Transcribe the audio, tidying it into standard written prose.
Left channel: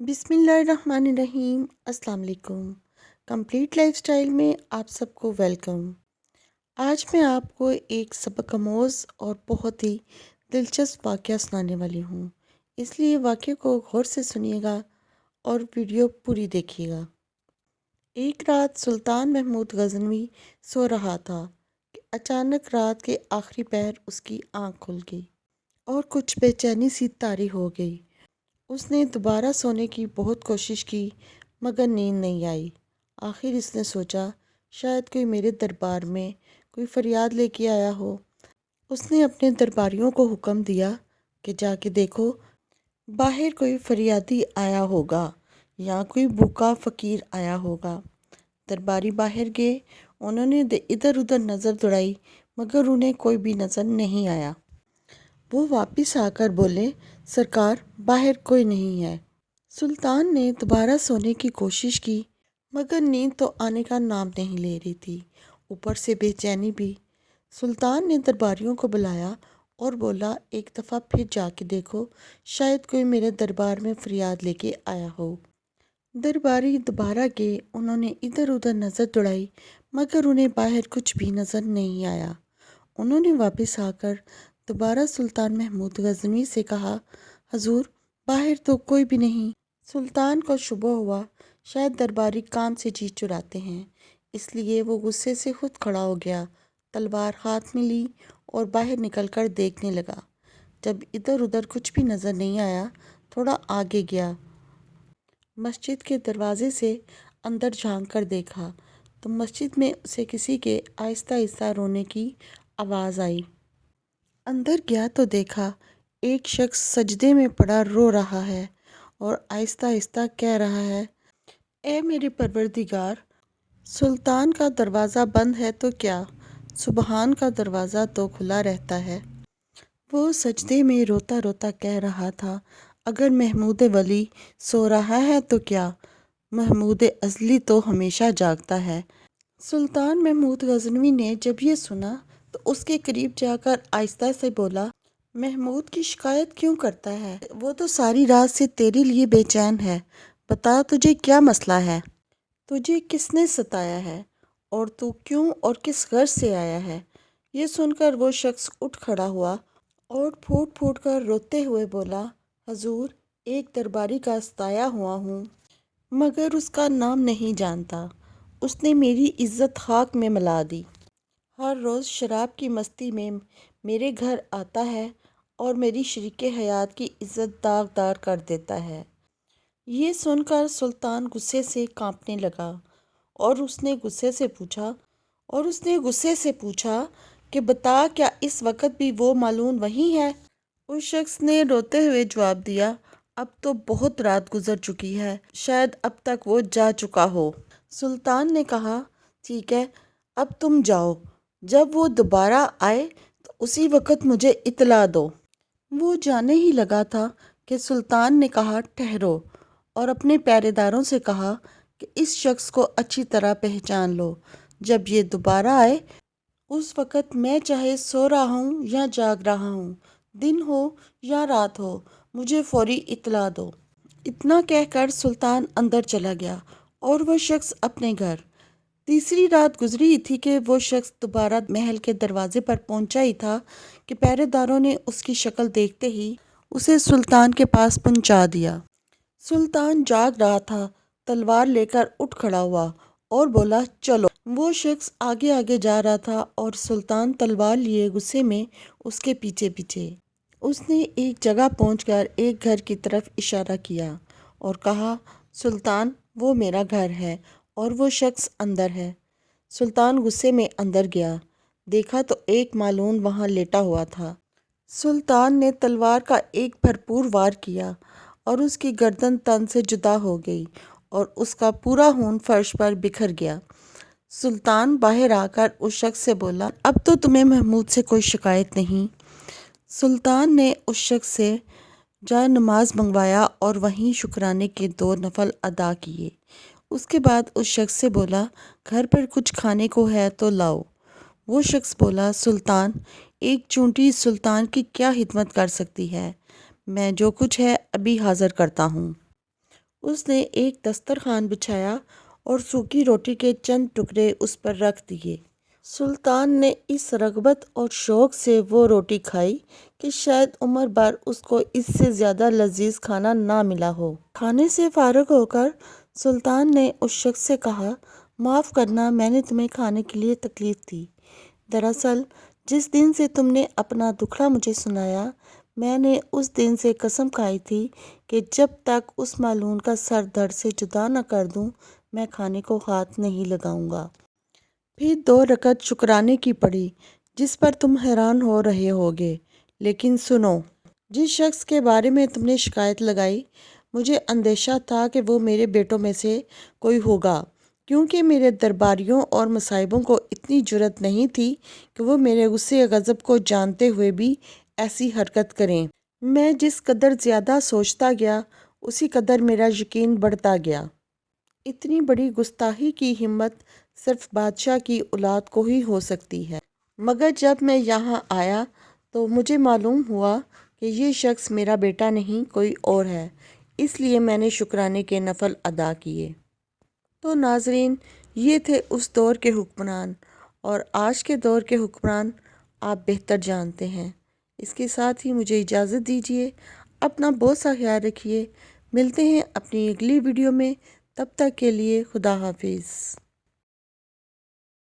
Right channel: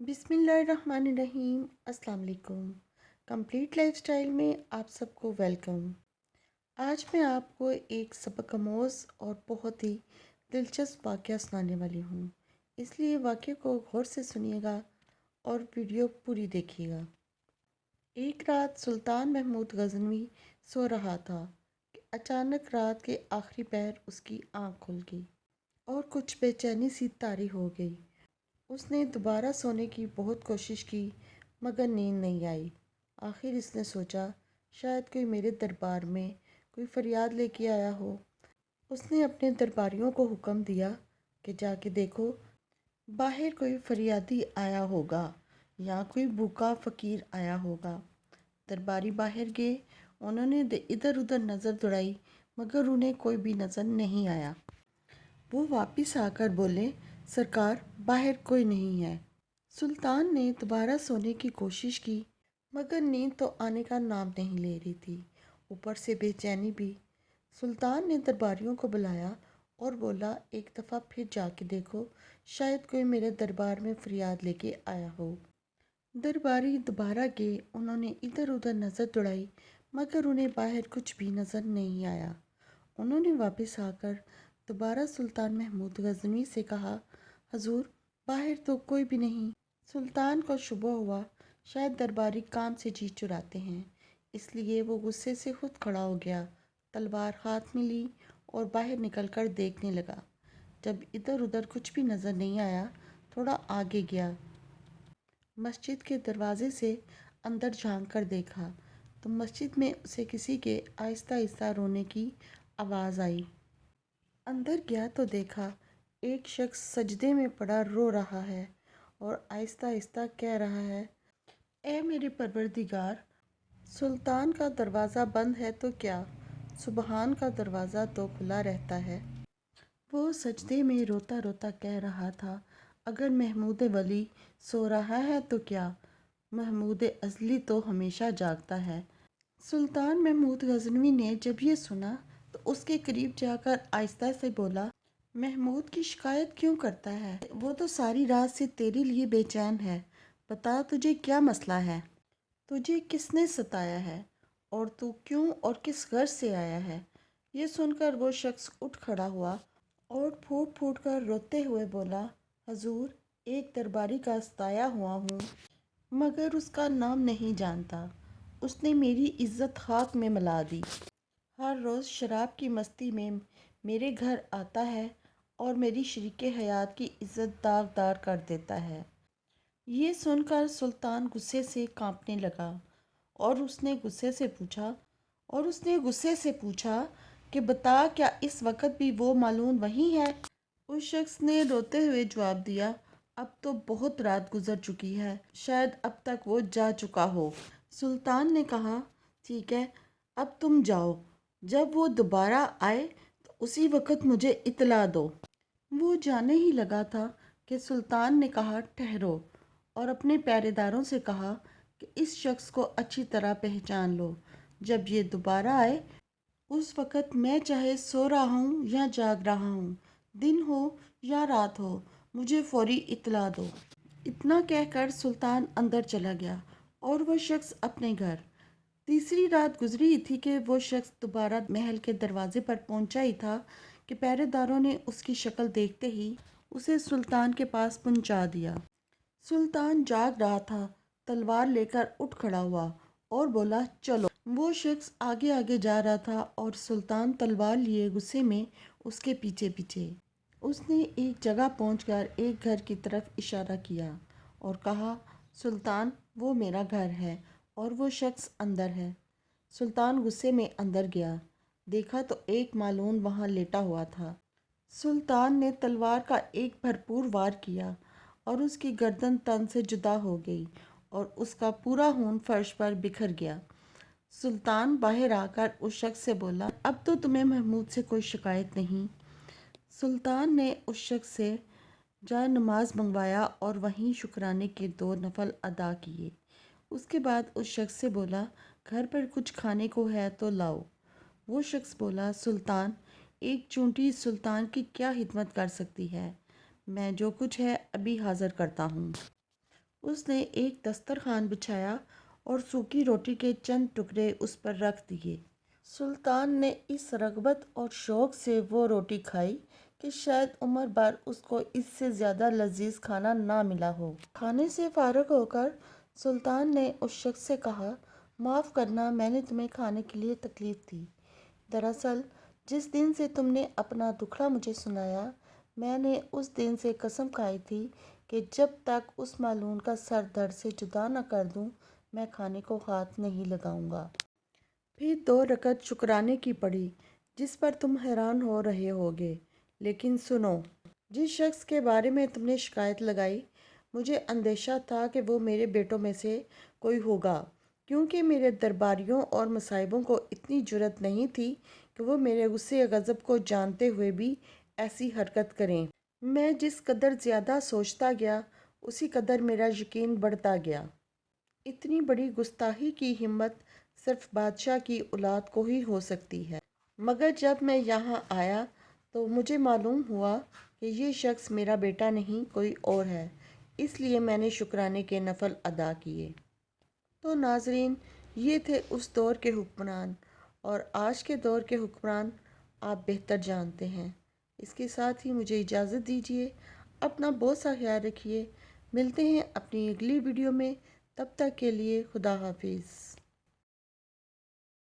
बिस्मिल्लाहिर्रहमानिर्रहीम। अस्सलाम वालेकुम। कंप्लीट लाइफस्टाइल में आप सबको वेलकम। आज मैं आपको एक सबक आमोज़ और बहुत ही दिलचस्प वाक़या सुनाने वाली हूँ, इसलिए वाक़ये को गौर से सुनिएगा और वीडियो पूरी देखिएगा। एक रात सुल्तान महमूद गज़नवी सो रहा था कि अचानक रात के आखिरी पहर उसकी आँख खुल गई और कुछ बेचैनी सी तारी हो गई। उसने दोबारा सोने की बहुत कोशिश की मगर नींद नहीं आई। आखिर इसने सोचा शायद कोई मेरे दरबार में कोई फरियाद लेके आया हो। उसने अपने दरबारियों को हुक्म दिया कि जाके देखो, बाहर कोई फरियादी आया होगा या कोई भूखा फ़कीर आया होगा। दरबारी बाहर गए, उन्होंने इधर उधर नज़र दौड़ाई मगर उन्हें कोई भी नज़र नहीं आया। वो वापस आकर बोले, सरकार बाहर कोई नहीं है। सुल्तान ने दोबारा सोने की कोशिश की मगर नींद तो आने का नाम नहीं ले रही थी, ऊपर से बेचैनी भी। सुल्तान ने दरबारियों को बुलाया और बोला, एक दफ़ा फिर जाके देखो, शायद कोई मेरे दरबार में फरियाद लेके आया हो। दरबारी दोबारा गए, उन्होंने इधर उधर नज़र दौड़ाई मगर उन्हें बाहर कुछ भी नज़र नहीं आया। उन्होंने वापस आकर दोबारा सुल्तान महमूद गज़नवी से कहा, हजूर बाहर तो कोई भी नहीं। सुल्तान को शुबह हुआ शायद दरबारी काम से जी चुराते हैं, इसलिए वो गुस्से से खुद खड़ा हो गया, तलवार हाथ में ली और बाहर निकलकर देखने लगा। जब इधर उधर कुछ भी नज़र नहीं आया, थोड़ा आगे गया, मस्जिद के दरवाजे से अंदर झांक कर देखा तो मस्जिद में उसे किसी के आहिस्ता आहिस्ता रोने की आवाज़ आई। अंदर गया तो देखा एक शख्स सजदे में पड़ा रो रहा है और आहिस्ता आहिस्ता कह रहा है, ए मेरे परवरदिगार, सुल्तान का दरवाज़ा बंद है तो क्या, सुबहान का दरवाज़ा तो खुला रहता है। वो सजदे में रोता रोता कह रहा था, अगर महमूद वली सो रहा है तो क्या, महमूद अज़ली तो हमेशा जागता है। सुल्तान महमूद गज़नवी ने जब ये सुना तो उसके करीब जाकर आहिस्ता से बोला, महमूद की शिकायत क्यों करता है? वो तो सारी रात से तेरे लिए बेचैन है। बता तुझे क्या मसला है? तुझे किसने सताया है और तू क्यों और किस गर्ज से आया है? ये सुनकर वो शख्स उठ खड़ा हुआ और फूट फूट कर रोते हुए बोला, हजूर एक दरबारी का सताया हुआ हूँ मगर उसका नाम नहीं जानता। उसने मेरी इज्जत खाक में मिला दी। हर रोज़ शराब की मस्ती में मेरे घर आता है और मेरी शरीके हयात की इज्जत दागदार कर देता है। ये सुनकर सुल्तान गुस्से से कांपने लगा और उसने गुस्से से पूछा कि बता, क्या इस वक्त भी वो मालूम वही है? उस शख्स ने रोते हुए जवाब दिया, अब तो बहुत रात गुजर चुकी है, शायद अब तक वो जा चुका हो। सुल्तान ने कहा, ठीक है, अब तुम जाओ, जब वो दोबारा आए तो उसी वक्त मुझे इतला दो। वो जाने ही लगा था कि सुल्तान ने कहा, ठहरो, और अपने पहरेदारों से कहा कि इस शख्स को अच्छी तरह पहचान लो। जब ये दोबारा आए उस वक़्त मैं चाहे सो रहा हूँ या जाग रहा हूँ, दिन हो या रात हो, मुझे फौरी इत्तला दो। इतना कहकर सुल्तान अंदर चला गया और वह शख्स अपने घर। तीसरी रात गुजरी ही थी कि वो शख्स दोबारा महल के दरवाजे पर पहुंचा ही था कि पहरेदारों ने उसकी शक्ल देखते ही उसे सुल्तान के पास पहुंचा दिया। सुल्तान जाग रहा था, तलवार लेकर उठ खड़ा हुआ और बोला, चलो। वो शख्स आगे आगे जा रहा था और सुल्तान तलवार लिए गुस्से में उसके पीछे पीछे। उसने एक जगह पहुंचकर एक घर की तरफ इशारा किया और कहा, सुल्तान वो मेरा घर है और वो शख्स अंदर है। सुल्तान गुस्से में अंदर गया, देखा तो एक मालून वहाँ लेटा हुआ था। सुल्तान ने तलवार का एक भरपूर वार किया और उसकी गर्दन तन से जुदा हो गई और उसका पूरा खून फर्श पर बिखर गया। सुल्तान बाहर आकर उस शख्स से बोला, अब तो तुम्हें महमूद से कोई शिकायत नहीं। सुल्तान ने उस शख्स से जाए नमाज मंगवाया और वहीं शुक्राने के 2 नफल अदा किए। उसके बाद उस शख्स से बोला, घर पर कुछ खाने को है तो लाओ। वो शख्स बोला, सुल्तान, एक चूंटी सुल्तान की क्या खिदमत कर सकती है, मैं जो कुछ है अभी हाज़िर करता हूँ। اس نے ایک دسترخوان بچھایا اور سوکھی روٹی کے چند ٹکڑے اس پر رکھ دیے۔ سلطان نے اس رغبت اور شوق سے وہ روٹی کھائی کہ شاید عمر بھر اس کو اس سے زیادہ لذیذ کھانا نہ ملا ہو۔ کھانے سے فارغ ہو کر سلطان نے اس شخص سے کہا، معاف کرنا، میں نے تمہیں کھانے کے لیے تکلیف دی۔ دراصل جس دن سے تم نے اپنا دکھڑا مجھے سنایا، میں نے اس دن سے قسم کھائی تھی کہ جب تک اس معلوم کا سر دھڑ سے جدا نہ کر دوں میں کھانے کو ہاتھ نہیں لگاؤں گا۔ پھر 2 رکعت شکرانے کی پڑھی، جس پر تم حیران ہو رہے ہوگے۔ لیکن سنو، جس شخص کے بارے میں تم نے شکایت لگائی، مجھے اندیشہ تھا کہ وہ میرے بیٹوں میں سے کوئی ہوگا، کیونکہ میرے درباریوں اور مصاحبوں کو اتنی جرأت نہیں تھی کہ وہ میرے غصے غضب کو جانتے ہوئے بھی ایسی حرکت کریں۔ میں جس قدر زیادہ سوچتا گیا، اسی قدر میرا یقین بڑھتا گیا۔ اتنی بڑی گستاخی کی ہمت صرف بادشاہ کی اولاد کو ہی ہو سکتی ہے، مگر جب میں یہاں آیا تو مجھے معلوم ہوا کہ یہ شخص میرا بیٹا نہیں کوئی اور ہے، اس لیے میں نے شکرانے کے نفل ادا کیے۔ تو ناظرین، یہ تھے اس دور کے حکمران، اور آج کے دور کے حکمران آپ بہتر جانتے ہیں۔ اس کے ساتھ ہی مجھے اجازت دیجیے، اپنا بہت سا خیال رکھیے، ملتے ہیں اپنی اگلی ویڈیو میں، تب تک کے لیے خدا حافظ۔